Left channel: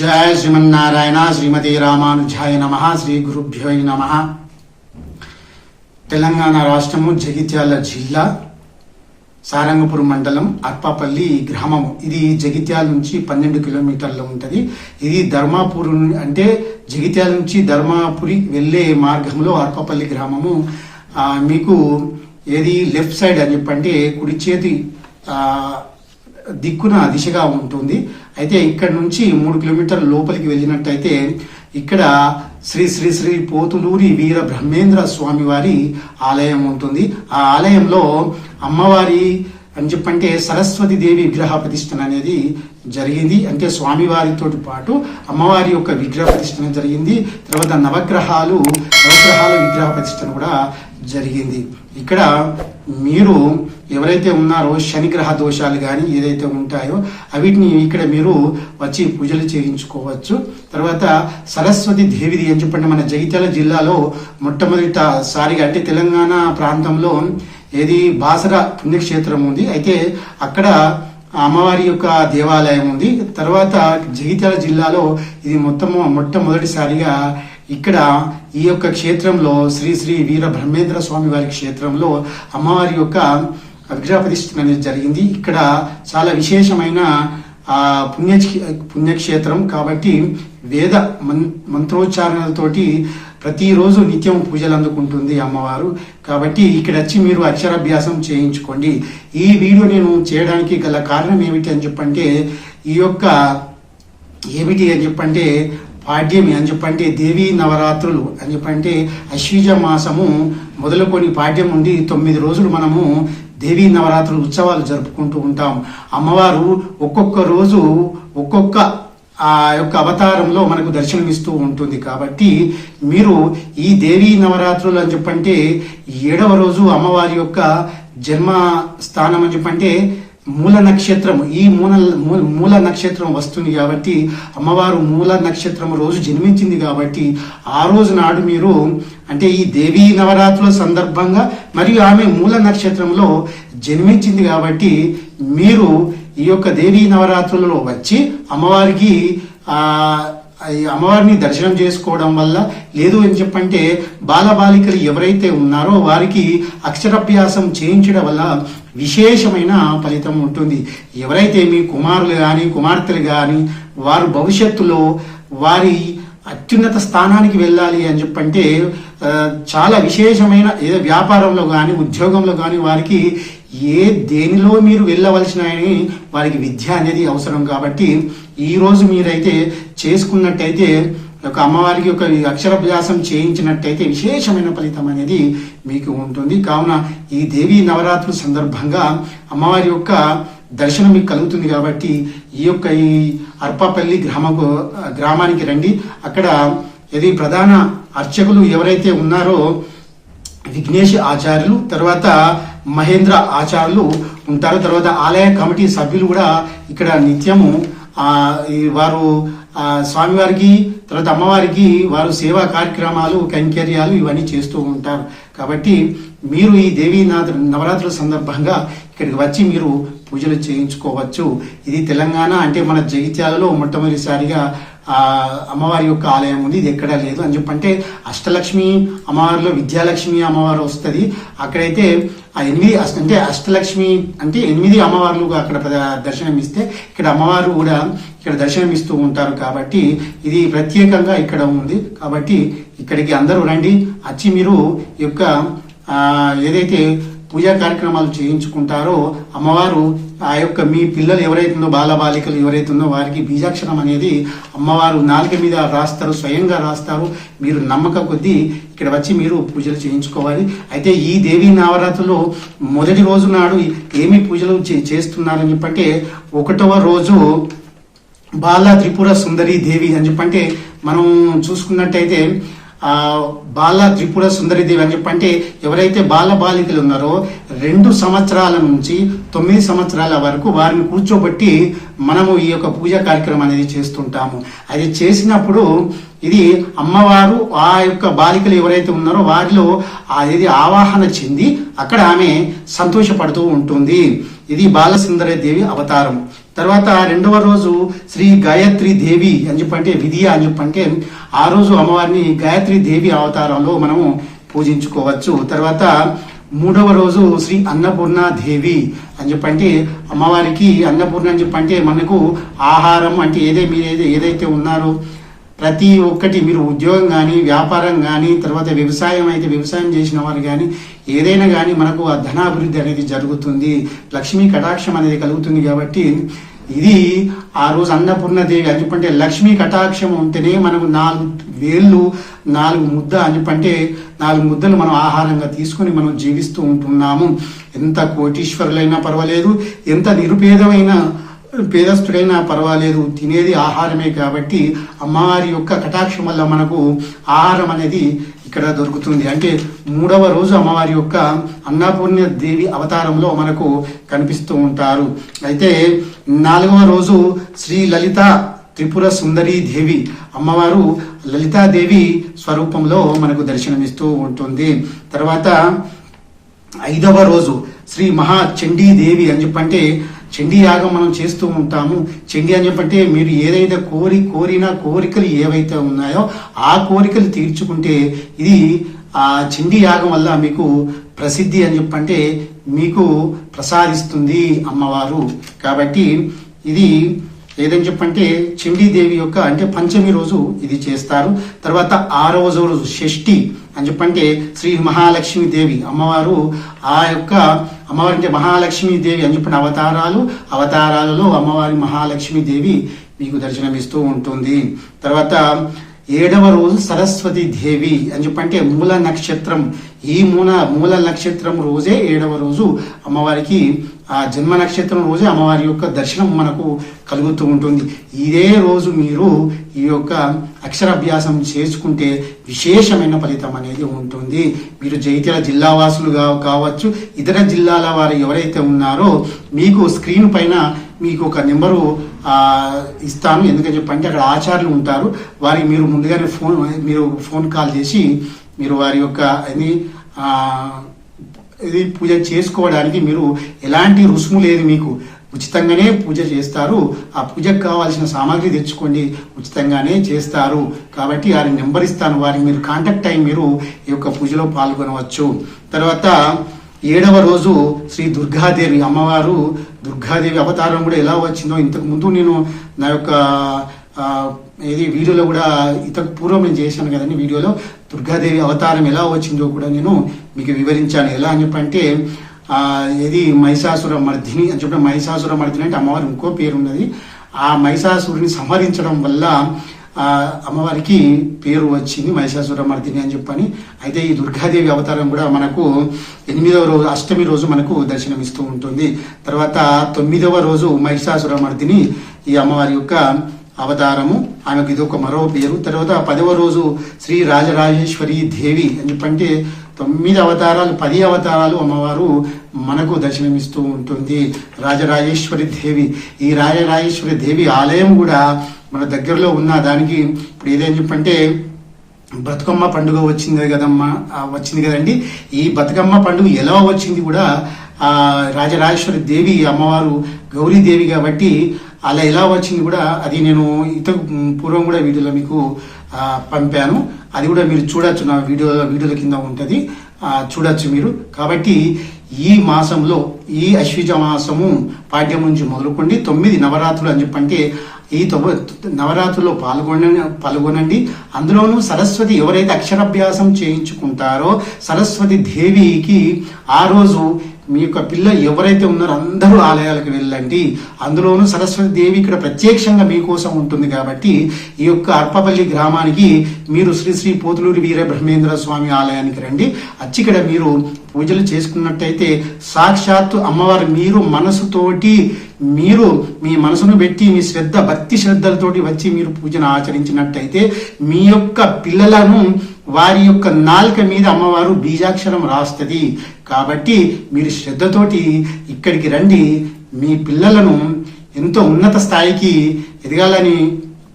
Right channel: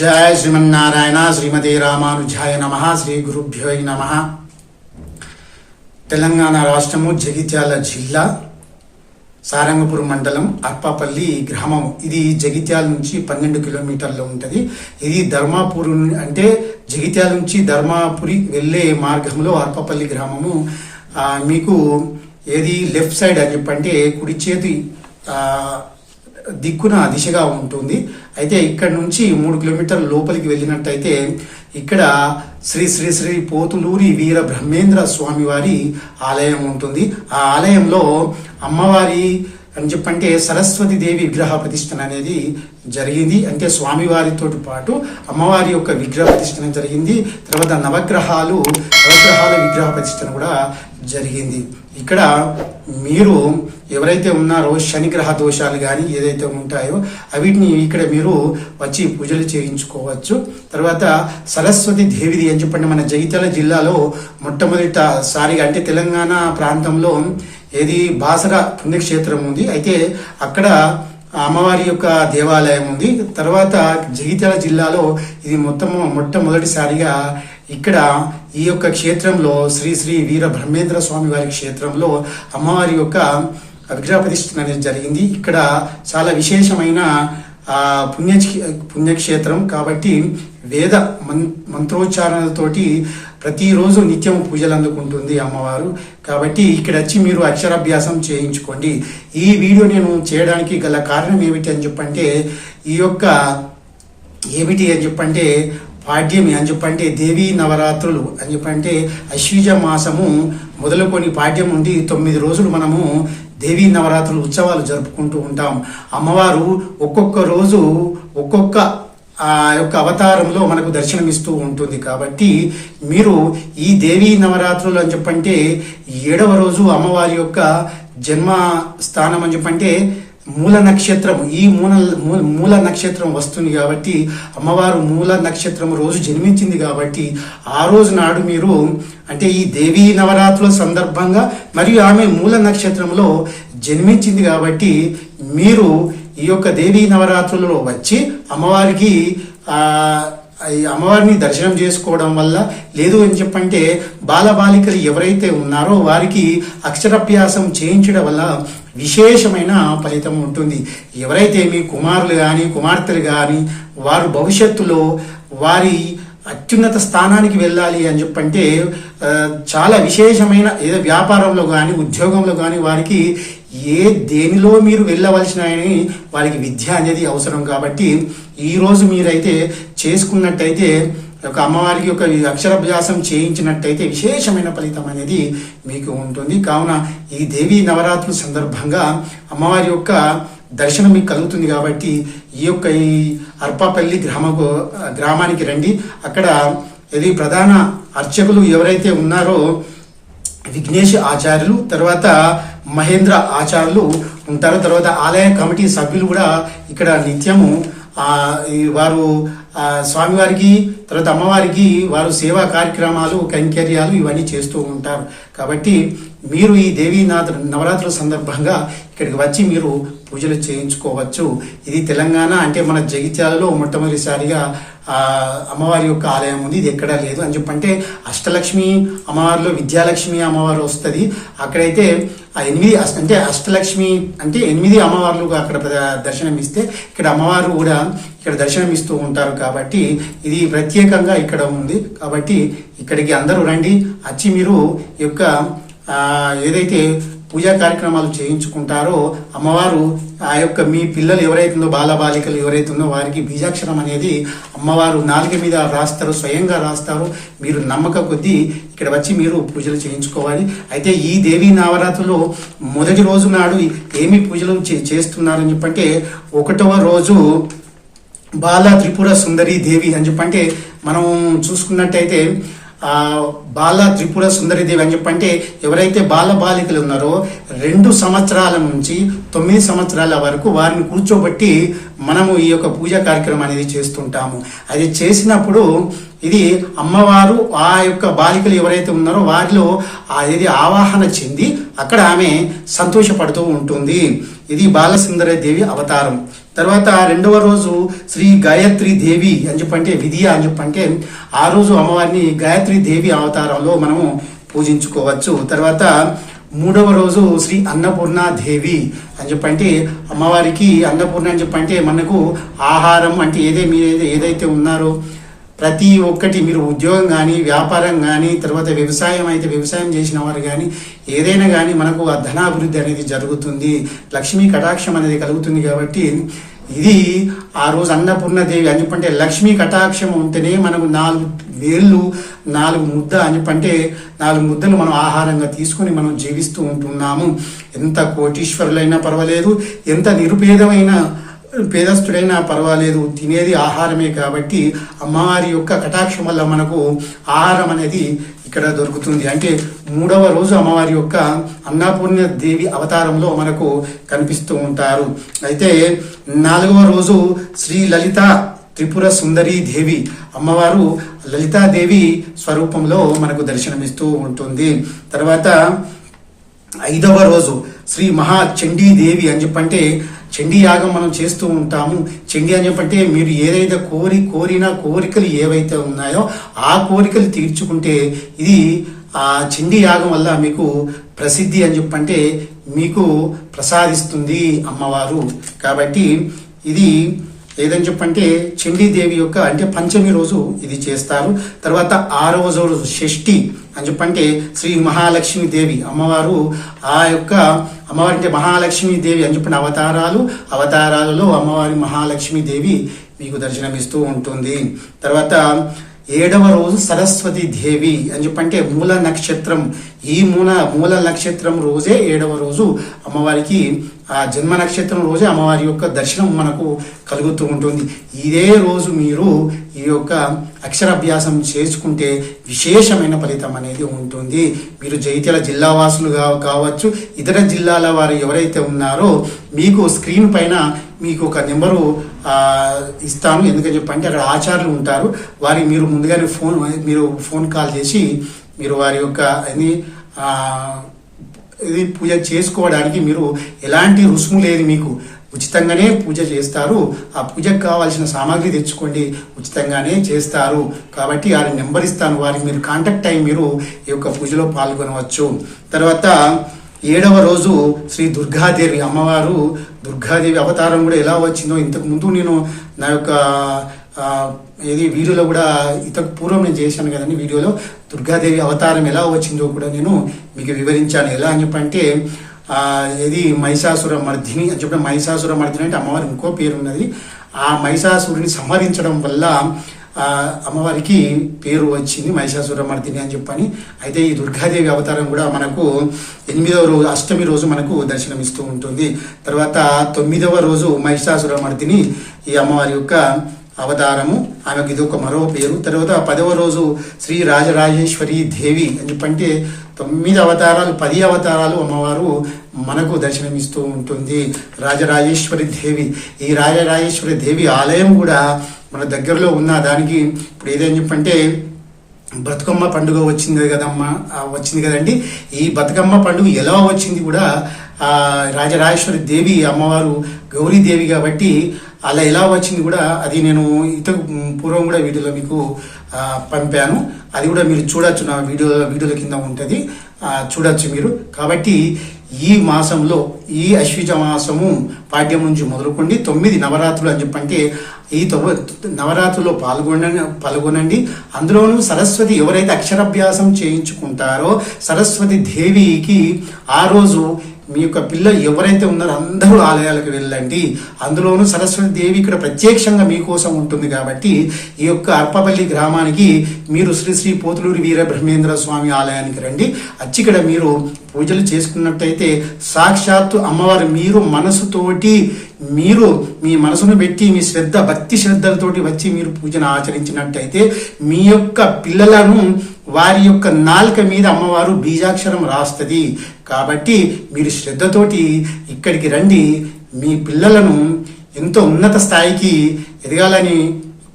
జయ శ్రీమన్నారాయణ శ్రీమతి రామానుజాయ నమ శ్రీ గురుభ్యో నమ తెలంగాణ రాష్ట్రము జగిత్యాల జిల్లా సారంగపురం మండలం అర్పాపల్లి గ్రామం ఇది జగిత్యాల నుంచి పన్నెండు కిలోమీటర్లు ఉంటుంది. ఇది ధర్మాపూర్ అంటే జగిత్యాల నుంచి ధర్మాపురి వెళ్ళే మార్గంలో అర్పాపల్లి గ్రామము. మీకు ఏది లెఫ్ట్ సైడ్ అని చెప్పంటే కుడి చేతి దిక్కున దిశగా ఉంటుంది. అయితే ఇక్కడ నుంచి మూడు కిలోమీటర్ల లోపలికి వెళ్ళినట్టయితే ఇక్కడ శ్రీ శ్రీ శ్రీ పోతులూరి వీర బ్రహ్మేంద్ర స్వామి వారి ఆలయం ఉంటుంది. ఆ ఆలయంలో అమ్మవారి అని చెప్పంటే సరస్వతి దేవి విగ్రహ ప్రతిష్టన అనేది జరిగింది. అంటే స్వామివారితో పాటు అమ్మవారి యొక్క విగ్రహ ప్రతిష్టన జరిగింది. తర్వాత నవగ్రహాలు నవగ్రహాల విగ్రహ ప్రతిష్టన కూడా జరిగింది. ఇక్కడ మీరు ఎవరైతే ఉన్నారో శనిగ్రహ దోషాలు కానీ ఏదైతే ఉంటాయో అవిటిని ఇక్కడ మీరు వచ్చి పూజలు చేయించుకోవచ్చు. తర్వాత సరస్వతి దేవిది అని చెప్పండి. మన జగిత్యాల జిల్లాలో మొట్టమొదటిసారిగా అంటే తెలంగాణ ప్రాంతంలో ఏది బాసర పుణ్యక్షేత్రం ఉంది. అయితే అక్కడ అమ్మవారి యొక్క దేవాలయం ఉంది. తర్వాత జగిత్యాల జిల్లాలో ఇది మొత్తం మొట్టమొదటిసారిగా ఇక్కడ ఈ యొక్క క్షేత్రంలో శ్రీ శ్రీ వీర బ్రహ్మేంద్ర స్వామి వారి క్షేత్రంలో అమ్మవారి యొక్క విగ్రహ ప్రతిష్ఠ అనేది జరిగింది. ఇక్కడ చాలా విశేషమైన పుణ్య పుణ్యక్షేత్రం కాబట్టి వేద మం మంత్రోచ్చారణతోటి ప్రతిరోజు నిత్యం పూజలు అందుకుంటుంది అమ్మవారు. కాబట్టి ఇక్కడ వచ్చి మీరు అక్షరాభ్యాసం చేయించుకోండి. ఈ వీడియో నేను చేయడానికి గల కారణం ఏమిటి అని చెప్పంటే ఈ యొక్క ఏమిటి అని చెప్పంటే పాడ్యమి అని చెప్పంటే దేవీ నవరాత్రులు అని చెప్పంటే అశ్వీజ మాసము మొదలుకొని పాడ్యం ఉంది. తొమ్మిది రోజులు మనము దేవీ నవరాత్రులు ఉత్సవాలు జరుపుకుంటూ ఉంటాం. అమ్మవారు ఒక్కొక్క రోజు ఒక్కొక్క ఆ యొక్క అవతారంలో మనకు దర్శనమిస్తూ ఉంటుంది. కాబట్టి మీరు ఈ దేవీ నవరాత్రులు అని చెప్పంటే ఏడవ రోజు అమ్మవారి యొక్క జన్మ స్థానం అని చెప్పంటే మూల నక్షత్రం. ఈ మూల మూల- నక్షత్రం వస్తుంది కాబట్టి అమ్మవారు మూల నక్షత్రం రోజు జన్మించింది కాబట్టి ఆ రోజు నాడు మీరు అంటే ఈ దేవీ నవరాత్రుల సందర్భంగా మరియు ఆమె మూల నక్షత్రంలో జన్మించింది కాబట్టి మీరు ఈ యొక్క దేవీ నవరాత్రులలో వచ్చి అమ్మవారికి అమ్మవారిని దర్శనం చేసుకోవడం వల్ల లేదు అని చెప్పంటే బాలబాలికలు ఎవరైతే ఉన్నారో వారికి అక్షరాభ్యాసం చేయించడం వల్ల విశేషమైన ఫలితం ఉంటుంది. ఎవరైతే మీ కుమారులు కానీ కుమార్తెలు కానీ వారు భవిష్యత్తులో వారి అత్యున్నత స్థానానికి వెళ్ళాలి అని చెప్పంటే చాలా విశేషమైన ఏదో వ్యాపారంలో కానీ ఉద్యోగంలో కానీ వారికి ఏ దేనిలో మీరు వెళ్ళవలసిన వారికి విద్య అనేది అవసరం కాబట్టి ఈ రోజు మీరైతే చేసుకున్నట్టయితే ఒక అమ్మవారికి ఒక అక్షరాభ్యాసం చేయించినట్టయితే విశేషమైన ఫలితం అనేది మీకు ఉంటుంది. కావున ఈ దేవీ నవరాత్రుల సందర్భంగా అమ్మవారి యొక్క దర్శనం మీకు కలుగుతుంది కాబట్టి ఈ యొక్క ఈ అర్పాపల్లి గ్రామకు గ్రామానికి రండి. అక్కడ ఇది ప్రధాన అర్చకులు ఎవరైతే ఉన్నారో విఘ్నేష్ ఆచార్యులు తర్వాత మహేంద్ర ఆచార్యులు ఉంటారు. తర్వాత ఆలయ కమిటీ సభ్యులు కూడా ఇక్కడ నిత్యము ఈ వారు స్వామివారికి తర్వాత అమ్మవారికి వారు సేవా కార్యక్రమాలు కైంకర్యాలు ఇవన్నీ చేస్తూ ఉంటారు. కాబట్టి మీరు ఈ దేవీ నవరాత్రుల సందర్భంగా ఇక్కడికి వచ్చి మీరు పూజలు చేయించుకోవచ్చు. ఇది తెలంగాణ అంటే మన జగిత్యాలలో మొట్టమొదటిసారిగా అమ్మవారి యొక్క ఆలయం ఉంది. ఇది ఎక్కడా లేదు అని చెప్పంటే అష్టలక్ష్మి అమ్మవారిలో విద్యాలక్ష్మి అమ్మవారు వస్తుంది. అక్కడైతే ఆ ఎనిమిది అంటే అష్టలక్ష్మి అంటే ఎనిమిది అమ్మవార్లు అక్కడ ప్ర- దర్శనం ఇస్తే ఇక్కడ అమ్మవారు కూడా ఇక్కడ దర్శనం ఇస్తూ ఉంటారు కాబట్టి ఇది ప్రత్యేకంగా ఇక్కడ ఉంది. కాబట్టి ఇక్కడికి అందరూ రండి. వచ్చి మీరు యొక్క ఏదైతే పూజా కార్యక్రమాలు చేయించుకుంటారో అమ్మవారు ఆ యొక్క మీ పిల్లలు ఎవరైతుందో బాలబాలికలు ఎవరైతుందో వారికి బీజాక్షరం అనేది అమ్మవారు నాలుక మీద రాస్తారు స్వయంగా రాస్తారు. మీరు నమ్మక కొద్దీ ఇక్కడ వచ్చి మీరు పూజలు చేయించుకోవాలి. అయితే ఈ దేవీ నవరాత్రులు మొదటి రోజు నాడు ఏమి పూజలు చే- చేస్తున్నారని చెప్పంటే ఒకటవ రోజు బాల త్రిపుర సుందరి దేవి అని చెప్పంటే మనం చూసుకున్నట్టయితే బాల త్రిపుర సుందరి దేవి అని చెప్పంటే ఎవరైతే బాల బాలికలు ఉన్నారో రెండు సంవత్సరాల నుంచి తొమ్మిది సంవత్సరాల వరకు వారిని కూర్చోబట్టి మనము ఈ యొక్క పూజా కార్యక్రమం అనేది చేస్తుంటాము. అది చేసినప్పుడు ఇది అమ్మవారు ఆ యొక్క బాలికలు ఎవరైతే ఉన్నారో వారిలో ఆ ఇది ఆవాహన చెంది అక్కడ ఆమె సంతోషపడుతూ ఉంటుంది. ఇది బాలసుందర దేవి అవతారం. తర్వాత రెండవ రోజు శ్రీ గాయత్రి దేవి అని చెప్పంటే విధియ అని చెప్పంటే ఆ రోజు అమ్మవారిని గాయత్రి దేవి అవతారంలో మనము పూజించుకోవచ్చు. తర్వాత మూడవ రోజు శ్రీ అన్నపూర్ణ దేవి అని చెప్పంటే అమ్మవారికి అన్నపూర్ణ అని చెప్పంటే మనకు ఆహారం అంటే ఏదే మీరు ఏదైతే ఉన్నారో ప్రతి ఒక్కటి మీరు ఉద్యోగం కానీ వ్యాపారం కానీ తర్వాత వ్యవసాయం అయితే వ్యవసాయం చేసిన వారు కానీ ఏదైనా కానీ మనకు ఆ ధనాభివృద్ధి అనేది జరుగుతుంది. లక్ష్మీ కటాక్షం అనేది కలుగుతుంది కాబట్టి ఇది ఆ రోజు అన్నపూర్ణదేవి అని చెప్పంటే లక్ష్మీ కటాక్షం ఉంటేనే మనకు నాలుగు వేళ్ళు నాలుగు ముద్ద అని చెప్పంటే నాలుగు ముద్దలు మనం ఆహారంగా తీసుకొని మనం జీవిస్తూ ఉంటున్నాము. ఎంత కోటీశ్వరులైనా పర్వాలేదు ఎంత నిరుపేదమైన పేదస్తుడైనా పర్వాలేదు. తినేది ఆహారమే కాబట్టి అమ్మవారి యొక్క కటాక్షం వల్ల మనకు ఆహారం అనేది ఇక్కడ దొరుకుతుంది. అంటే మూడవ రోజు అమ్మవారి యొక్క అన్నపూర్ణ దేవి అవతారంలో మనకు కనిపిస్తూ ఉంటారు. అయితే నాలుగవ రోజు శ్రీ లలిత త్రిపుర సుందరి దేవి అమ్మవారు లలితాదేవి స్వరూపంలో మనకు దర్శనమిస్తూ ఉంటుంది. తర్వాత ఐదవ రోజు శ్రీ మహా చండీదేవి అని చెప్పంటే చండీ యాగం మనం చేస్తూ ఉంటాము. చండీ అని చెప్పంటే మీరు ఏదైతే కోరి కోరిన కోరికలు ఏవైతే ఉన్నాయో ఆ కోరికలు తీర్చుకుంటే ఇది ఆ చండీ యాగం వల్ల మీకు ప్రసిద్ధి అని చెప్పంటే మీకు ప్రసాదిస్తుంది అమ్మవారు. కాబట్టి ఇది ఏదని చెప్పంటే చండీదేవి యొక్క అంటే పంచమి రోజు ఇది చేస్తారు. తర్వాత ఆరవ రోజు షష్ఠి అని చెప్పంటే శ్రీ మహాలక్ష్మి దేవి అమ్మవారు ఆ యొక్క అమ్మవారి అంటే మహాలక్ష్మి దేవి అని చెప్పిన అవతారాలు అవతారాలలో అమ్మవారి మహాలక్ష్మి దేవి మీకు దర్శనమిస్తూ ఉంటుంది. తర్వాత ఏడవ రోజు సరస్వతి దేవి అని చెప్పంటే మూల నక్షత్రం. ఈ మూల మూల నక్షత్రం రోజే ఏడవ రోజు అమ్మవారికి ఆ జన్మ నక్షత్రం రోజే అమ్మవారి యొక్క దర్శనం మనకు కలుగుతూ ఉంటుంది. ఇదే రోజు మీరు ఈ యొక్క అక్షరాభ్యాసం చేసుకుంటే విశేషమైన ఫలితం అనేది ఉంటుంది. మీరు జైత్యాల జిల్లా వాసులు కావచ్చు ఇతర జిల్లాల వారు ఎవరైతే ఉన్నారో మీకు స్క్రీన్ పైన మీకు ఒక నెంబరు ఇస్తాను. ఎందుకని చెప్పంటే అక్కడ ఆచార్యులు ఉంటారు. వారికి మీరు ముందుగానే ఫోన్ మీరు ఫోన్ కాల్ చేసి మీరు వారి యొక్క అది ఇది పూజ చేసుకోవడానికి మీరు ఎలాంటి రుసుము లేదు మీకు. ఉచితంగానే పూజ చేస్తారు. ఆ పూజకు కావాల్సిన సామాగ్రి తెచ్చుకోండి. ఉచితంగానే చేస్తారు. కాబట్టి వారి నెంబర్ ఇస్తాను. వారికి మీరు కాంటాక్ట్ అయ్యి మీరు ఈ యొక్క పూజలో పాల్గొనవచ్చు. తర్వాత ఏడవ రోజు శ్రీ దుర్గాదేవి అమ్మవారు దుర్గాదేవి అవతారం కూడా ఎలా వచ్చిందో ఇంతకు ముందు నేను నా యొక్క ఏది వీడియోలో కూడా ఇంతకు పూర్వం నేను చేశాను కదండి వీడియోలో దుర్గాదేవి అవతారం ఎలా వచ్చిందో కూడా నేను మీకు వివరించాను. ఎలా అని చెప్పంటే ఏది మహిషాసుర మర్దిని అని చెప్పిన మహిషాసుర మర్దిని అంటే అమ్మవారి ఇంకో పేరు ఉన్నది ఆ మహిషాసురుని సంహరించడం వల్ల ఆ అమ్మవారికి పేరు వచ్చింది మహిషాసురమర్దిని అని చెప్పని. అయితే ఈ దుర్గాదేవి అవతారం కూడా మనకు ఎనిమిదవ రోజు అష్టమి రోజు మనకు దర్శనమిస్తూ ఉంటుంది. తర్వాత తొమ్మిదవ రోజు మహిషాసురమర్దిని ఈ అమ్మవారి యొక్క అవతారము ఆమెకు ఇది ఒక మరో పేరు. తర్వాత పదవ రోజు శ్రీ రాజరాజేశ్వరి దేవి అని చెప్పంటే తొమ్మిది అవతారాలు పది అవతారాలు అమ్మవారు మనకు దర్శనమిస్తూ ఉంటుంది. రాజరాజేశ్వరి దేవి ఈ రాజరాజేశ్వరి దేవి ఆలయం కూడా మన దగ్గరలో ఉన్న దానికి ఇప్పుడు ఏదని చెప్పంటే బతుకమ్మ పండుగ వచ్చింది కదమ్మా. వచ్చింది కదండి. ఈ బతుకమ్మ పండుగ ఎలా వచ్చింది కూడా ఆ రాజరాజేశ్వరి దేవి అమ్మవారు గౌరీదేవి కాబట్టి అలా ఎలా వచ్చింది కూడా అది నేను ఇంత పూర్వం కూడా వీడియోలో మీకు పంపాను. అది కూడా మీరు చూడొచ్చు నా వీడియో వీడియోల కింద ఉంటుంది. చూడొచ్చు మీరు. కాబట్టి ఈ మాసంలో ఈ అశ్విజ మాసము పాఠ్యం నుంచి మొదలుకోండి. తొమ్మిది నవరాత్రులు అని చెప్పంటే ఈ నవరాత్రుల్లో పాల్గొన పాల్గొనండి. అందులోనూ సరస్వతి ఎవరైతే అక్షరాభ్యాసం చేయించుకుంటారో సరస్వతి దేవికి ఆ రోజు మీ యొక్క పిల్ల ఎవరైతే ఉన్నారో అందరూ ఆలయాలకు వెళ్ళండి. అందులోనూ సరస్వతి దేవి ఇక్కడ ప్రత్యక్షంగా మీకోసం ఉంటుంది కాబట్టి ఈ యొక్క అర్పపల్లి గ్రామానికి మీరు శ్రీ శ్రీ పోతులూరి వీర బ్రహ్మేంద్ర స్వామి ఆలయానికి రండి. అచ్చిక్కడ మీరు పూజలు చేసుకున్నట్టయితే సాక్షాత్తు అమ్మవారు మీరు మనసుతోటి మీరు మీ మనసును పెట్టి మీ శ్రద్ధ భక్తి శ్రద్ధలతోటి వచ్చి మీరు పూజను ఆచరించినట్టయితే మీ యొక్క పిల్లలను వారి యొక్క నాలుక మీద అమ్మవారు బీజాక్షరం రాస్తుంది. కాబట్టి మీరు శ్రద్ధతోటి ఇక్కడికి రండి. మీ పిల్లలను ఎంతో ఉన్నత స్థాయికి ఎదగాలని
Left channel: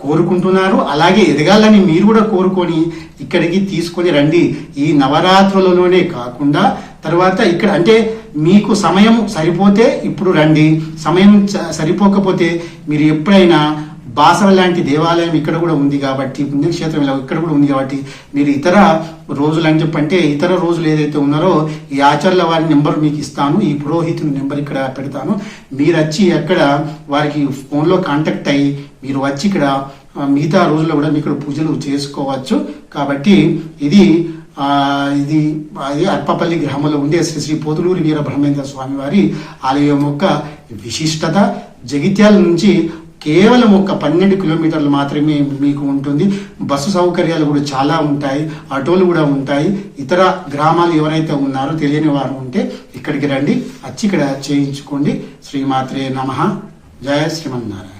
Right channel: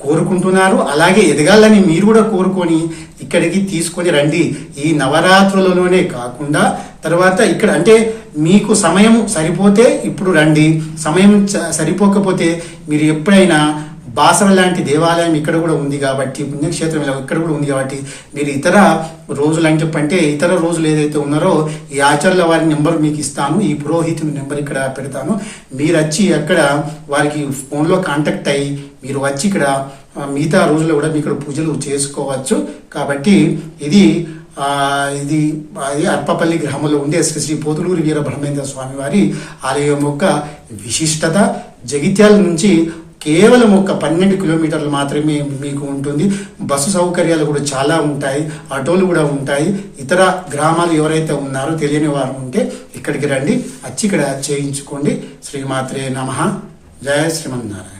కోరుకుంటున్నారు. అలాగే ఎదగాలని మీరు కూడా కోరుకొని ఇక్కడికి తీసుకొని రండి. ఈ నవరాత్రులలోనే కాకుండా తర్వాత ఇక్కడ అంటే మీకు సమయం సరిపోతే ఇప్పుడు రండి. సమయం సరిపోకపోతే మీరు ఎప్పుడైనా బాసర లాంటి దేవాలయం ఇక్కడ కూడా ఉంది కాబట్టి పుణ్యక్షేత్రం ఇలా ఇక్కడ కూడా ఉంది కాబట్టి మీరు ఇతర రోజులు అని చెప్పంటే ఇతర రోజులు ఏదైతే ఉన్నారో ఈ ఆచార్యుల వారి నెంబర్ మీకు ఇస్తాను ఈ పురోహితుని నెంబర్ ఇక్కడ పెడతాను. మీరు వచ్చి అక్కడ వారికి ఫోన్లో కాంటాక్ట్ అయ్యి మీరు వచ్చి ఇక్కడ మిగతా రోజుల్లో కూడా మీ ఇక్కడ పూజలు చేసుకోవచ్చు. కాబట్టి ఇది ఇది అది అర్పపల్లి గ్రామంలో ఉండే శ్రీ శ్రీ పోతులూరి వీర బ్రహ్మేంద్ర స్వామి వారి ఆలయం యొక్క విశిష్టత. జగిత్యాల నుంచి కేవలం ఒక పన్నెండు కిలోమీటర్లు మాత్రమే మీకు ఉంటుంది. బస్సు సౌకర్యాలు కూడా చాలా ఉంటాయి. ఆటోలు కూడా ఉంటాయి. ఇతర గ్రామాలు ఎవరైతే ఉన్నారో తెలియని వారు ఉంటే ఇక్కడికి రండి. వచ్చి ఇక్కడ చేయించుకోండి. శ్రీమాత్రే నమ. జయ శ్రీమన్నారాయణ.